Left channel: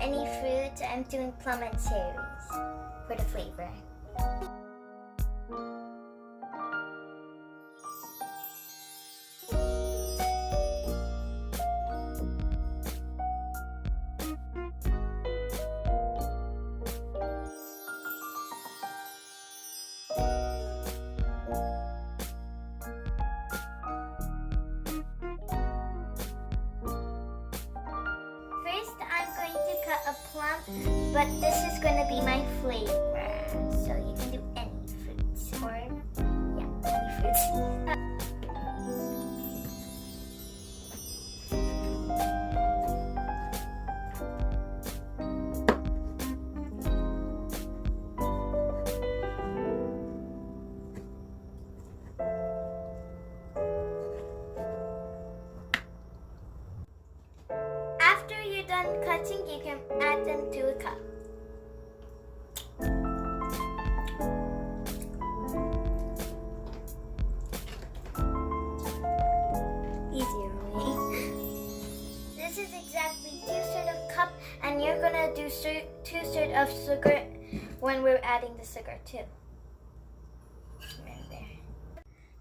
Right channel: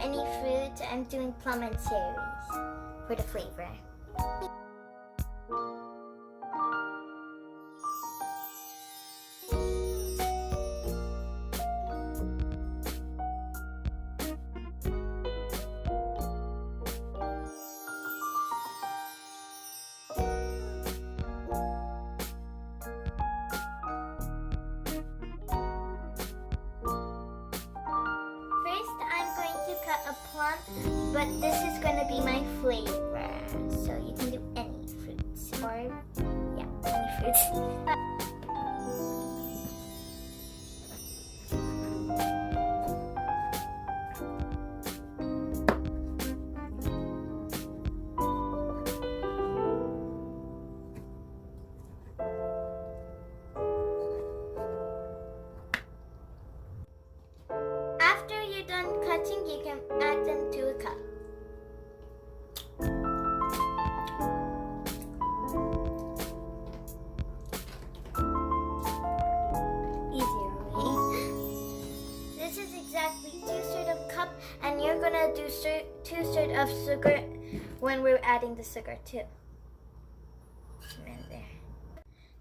any fruits. I'm doing plum and cherries for the flavor. First, I'm going to cut a plum, but this is going to be my flavor. So you can do any fruits, or yeah, any fruits. After you're done cutting, you can add them to a cup. Easier way. This is exactly 2/3 of cup, and you're gonna do 2/3 of sugar when we're adding the sugar too. Right there.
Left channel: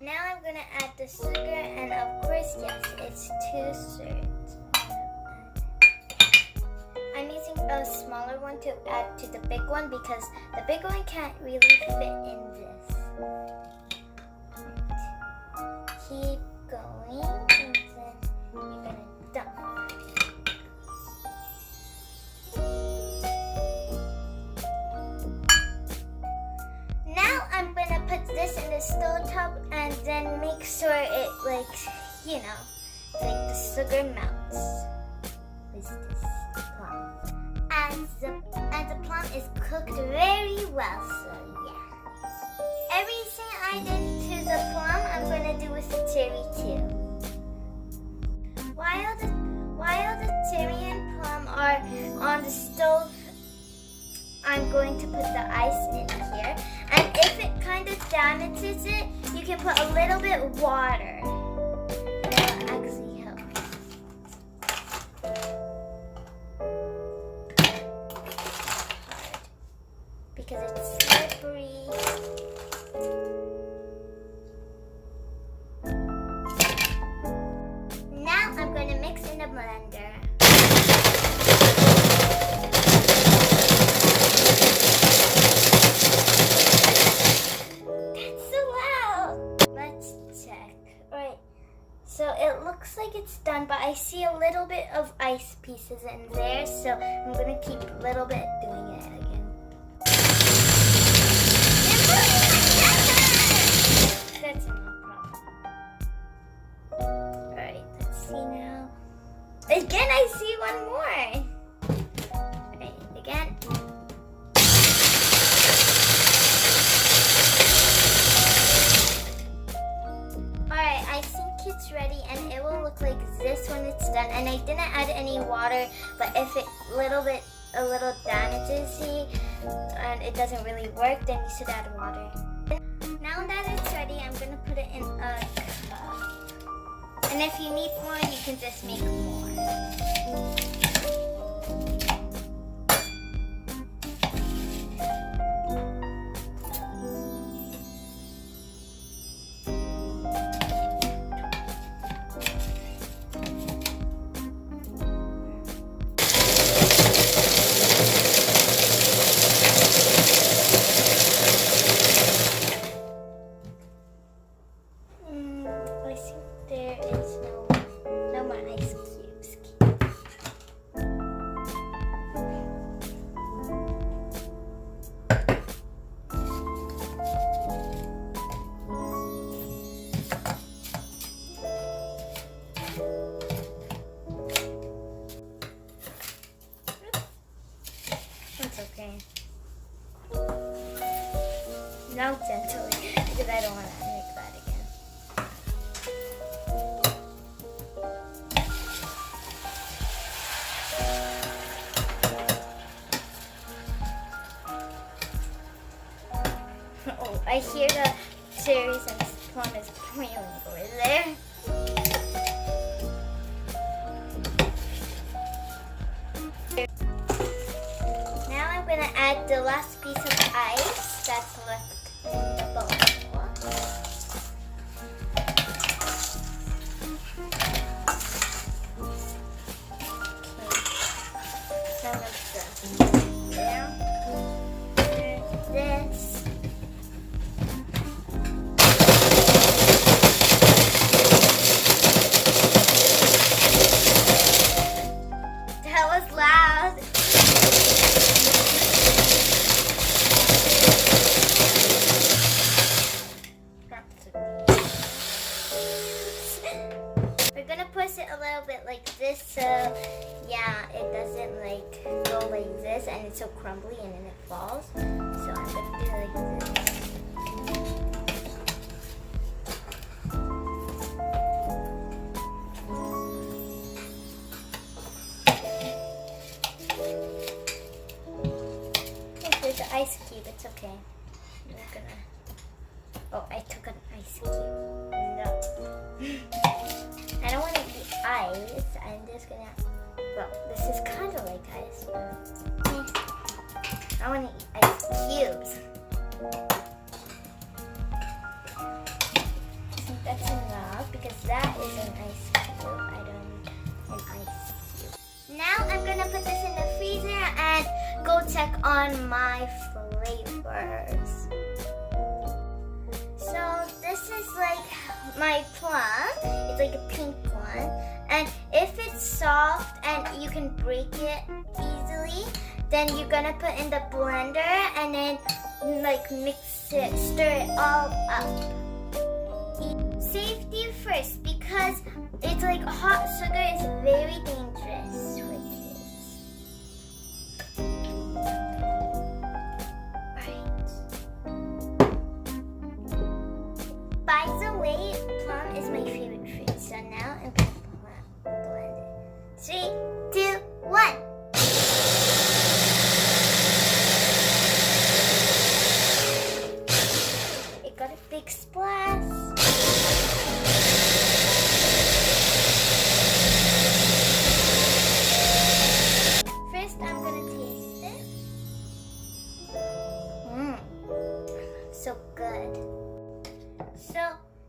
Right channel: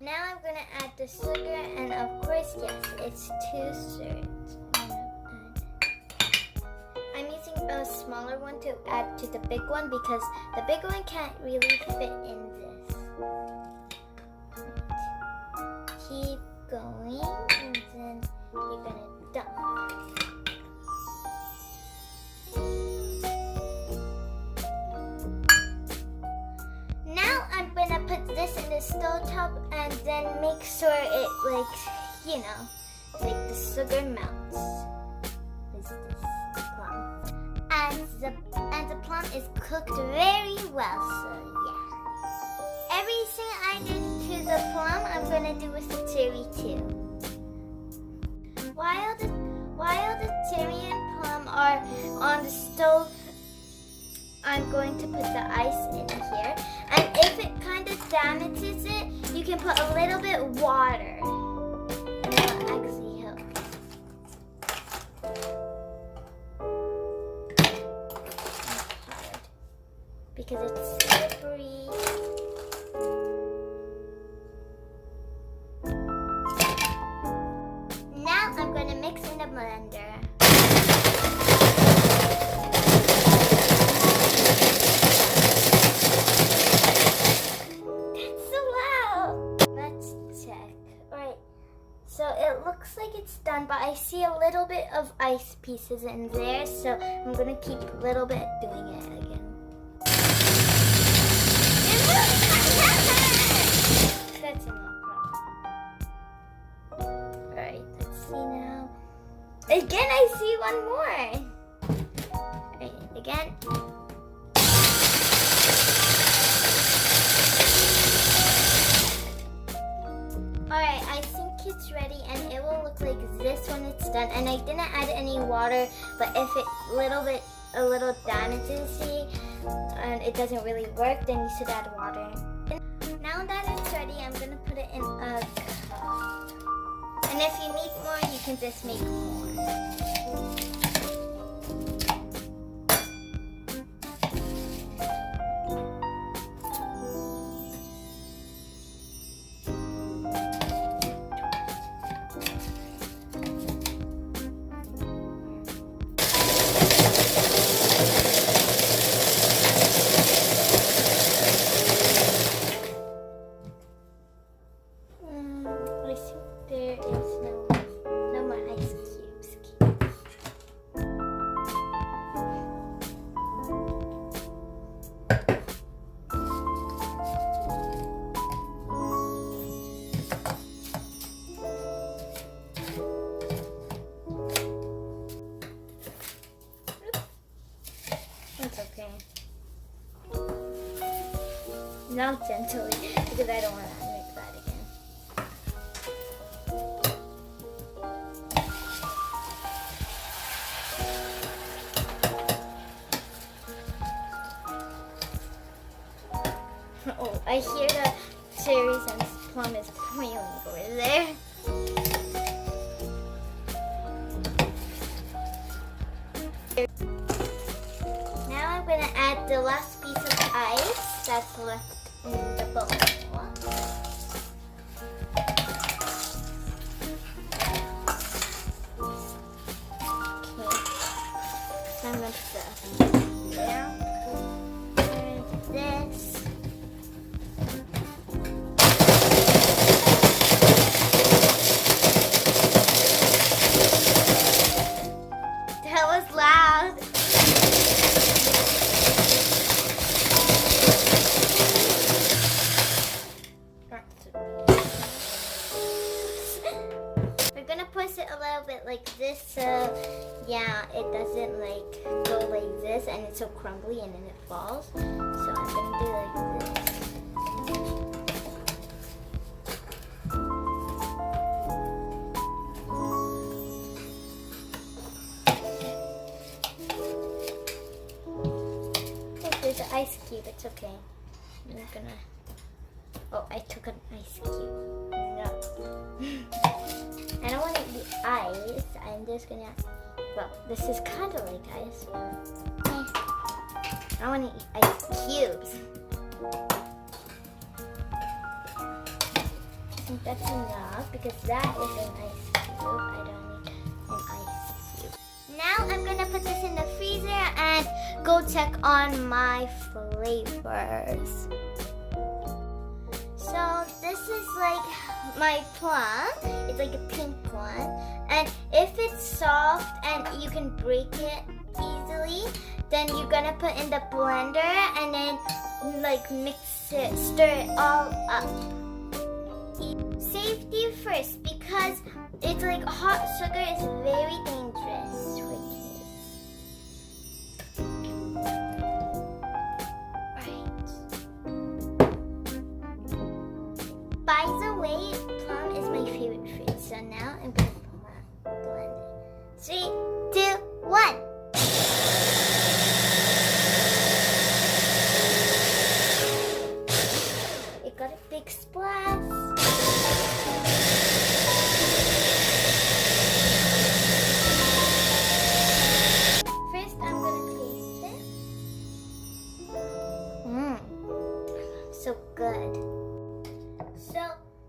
Now I'm gonna add the sugar, and of course, yes, it's 2/3. I'm using a smaller one to add to the big one because the big one can't really fit in this. Keep going, and then you're gonna dump. Now I'm gonna put this in the stove top and then make sure it like the sugar melts. What's this? Plum. And the plum is cooked very well, so yeah. Everything I did to the plum, I'm gonna do with the cherry too. While the cherry and plum are on the stove, I'm going to put the ice in here. And if it kind of damages it, you can put a little bit of water. And it'll actually help. Because it's slippery. Now I'm going to mix in the blender. That's so loud. Let's check. Alright, so it looks like it's done, but I see a little bit of ice pieces in there, so I'm going to keep a little bit doing it again. That's enough problem. Alright, let's see now. Again, I see one more. Alright, again. Alright, I think it's ready and it will look like this when it's done. And I didn't add any water, but if it a little damages it and it doesn't really work, then you should add water. Now that it's ready, I'm going to put it in a cup. And if you need more, you can just make more. I think there is no more ice cubes. It's okay. Now gently, because I don't want to make that again. Oh, I hear the cherries and plum is boiling over there. I'm gonna add the last piece of ice that's left in the bowl. So I'm gonna put this here. And this. That was loud. We're gonna push it a little bit like this, so yeah, it doesn't like go like this and it's so crumbly and then it falls. So I'm gonna do like this. Oh, there's an ice cube, it's okay. I'm not gonna, oh, I took an ice cube. No. I don't want to eat ice. I'm just gonna, well, this is kind of like ice, but I want to eat ice cubes. I think that's enough because that is an ice cube. I don't need an ice cube. Now I'm gonna put this in the freezer and go check on my flavors. So this is like my plum. It's like a pink one. And if it's soft and you can break it easily, then you're gonna put in the blender and then like mix it, stir it all up. Safety first, because it's like hot sugar is very dangerous for kids. By the way, plum is my favorite fruit, so now I'm gonna blend it. 3, 2, 1. It got a big splash. First, I'm gonna taste it. So good. So,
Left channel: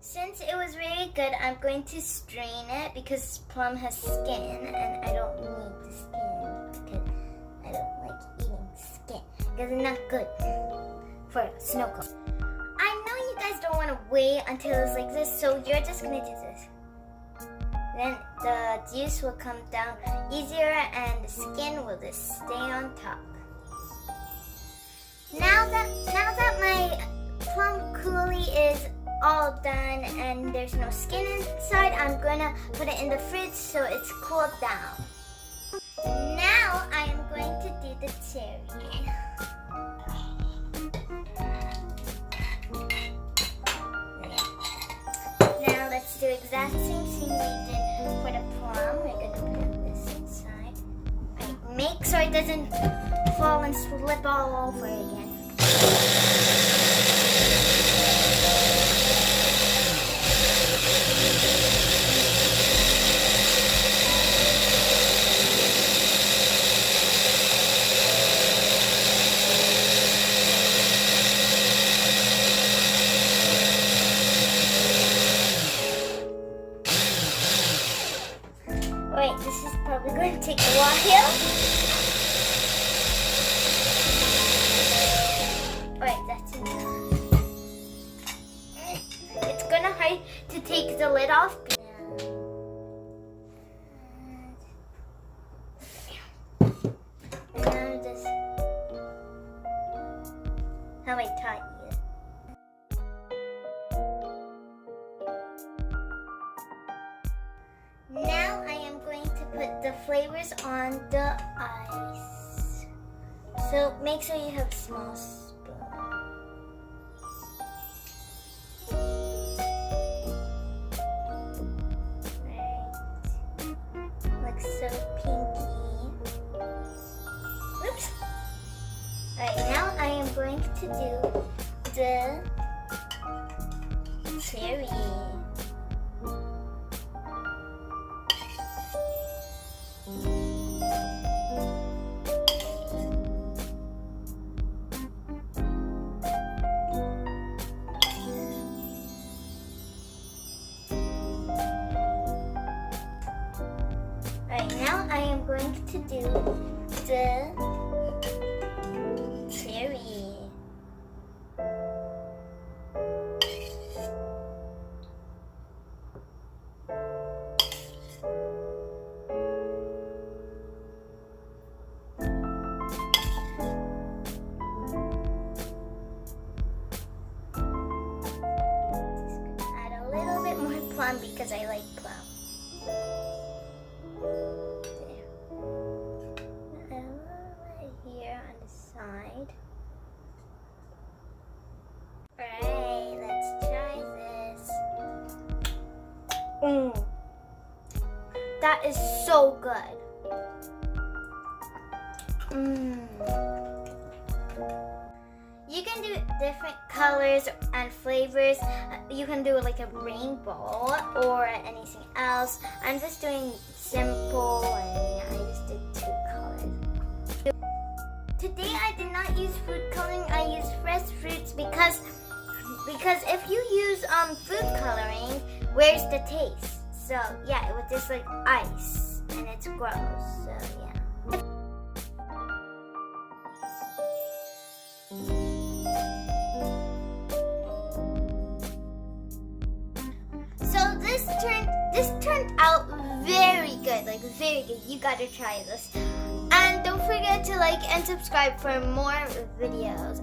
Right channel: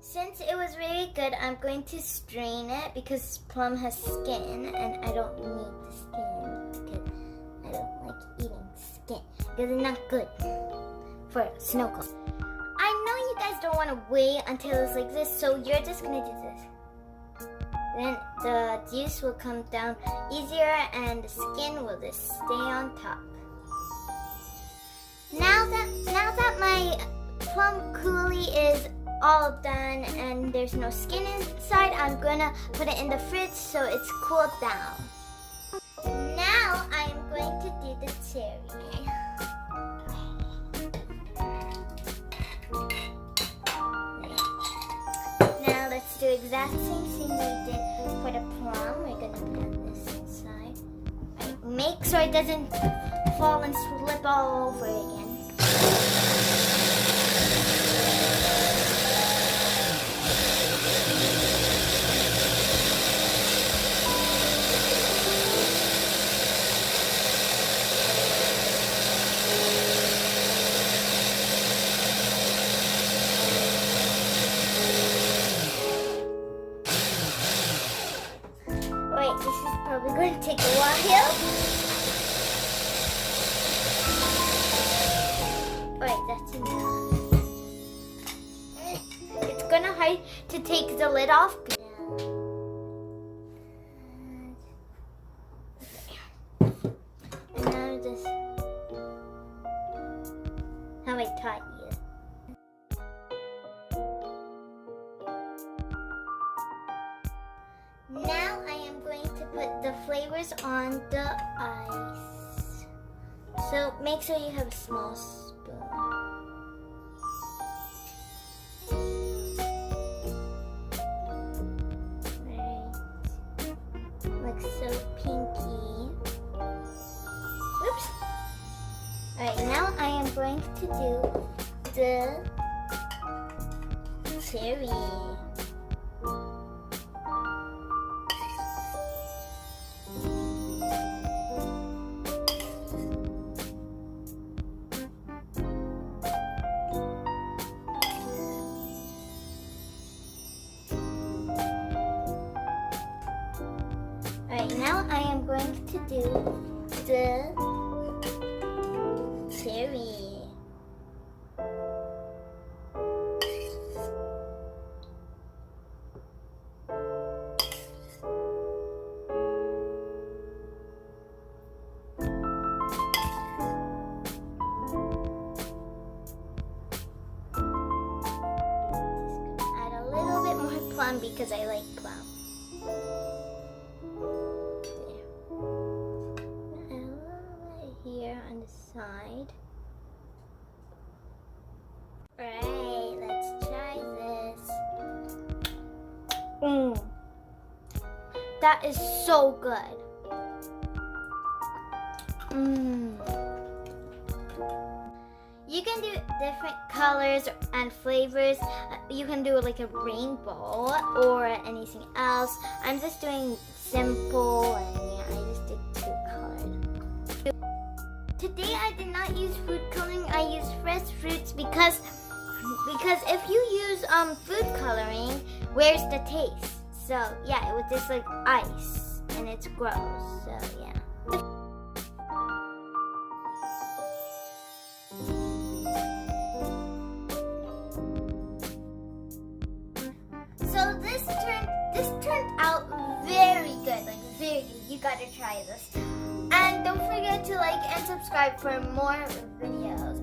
since it was very good, I'm going to strain it because plum has skin and I don't need the skin because I don't like eating skin because it's not good for snow cone. I know you guys don't want to wait until it's like this, so you're just going to do this. Then the juice will come down easier and the skin will just stay on top. Now that my plum coulis is all done and there's no skin inside, I'm gonna put it in the fridge so it's cooled down. Now I am going to do the cherry. Now let's do exact same thing we did for the plum. We're gonna put this inside. Make sure it doesn't fall and slip all over again. Alright, this is probably going to take a while. Alright, that's enough. It's gonna hard to take the lid off. And now just how I taught you. Now I am going to put the flavors on the ice. So make sure you have a small spoon. Right. Looks so pinky. Oops. Alright, now I am going to do the cherry. Alright, now I am going to do the cherry. A little bit more plum because I like plum. There. A little bit here on the side. Alright, let's try this. That is so good. You can do different colors and flavors. You can do like a rainbow or anything else. I'm just doing simple and yeah, I just did 2 colors. Today I did not use food coloring. I used fresh fruits because if you use food coloring, where's the taste? So yeah, it was just like ice and it's gross. So yeah. So this turned out very good, like very good. You gotta try this. And don't forget to like and subscribe for more videos.